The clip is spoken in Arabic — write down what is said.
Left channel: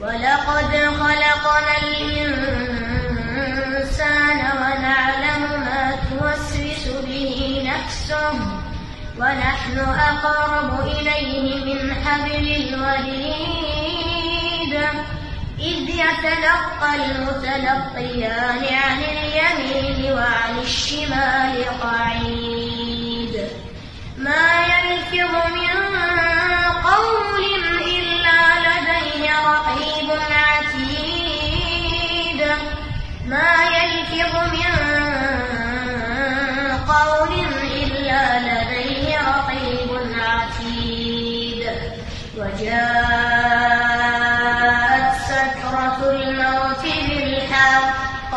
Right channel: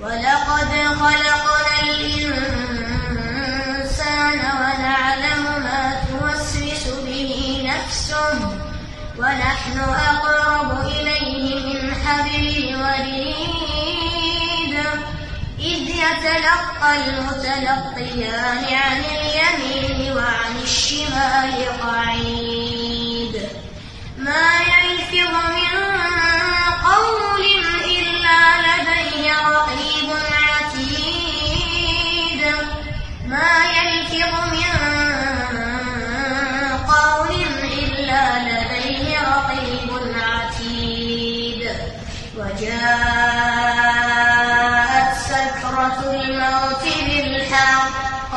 ولقد خلقنا الإنسان ونعلم ما توسوس به نفسه ونحن أقرب إليه من حبل الوريد إذ يتلقى المتلقيان عن اليمين وعن الشمال قعيد ما يلفظ من قول إلا لديه رقيب عتيد ما يلفظ من قول إلا لديه رقيب عتيد وجاءت سكرة الموت بالحق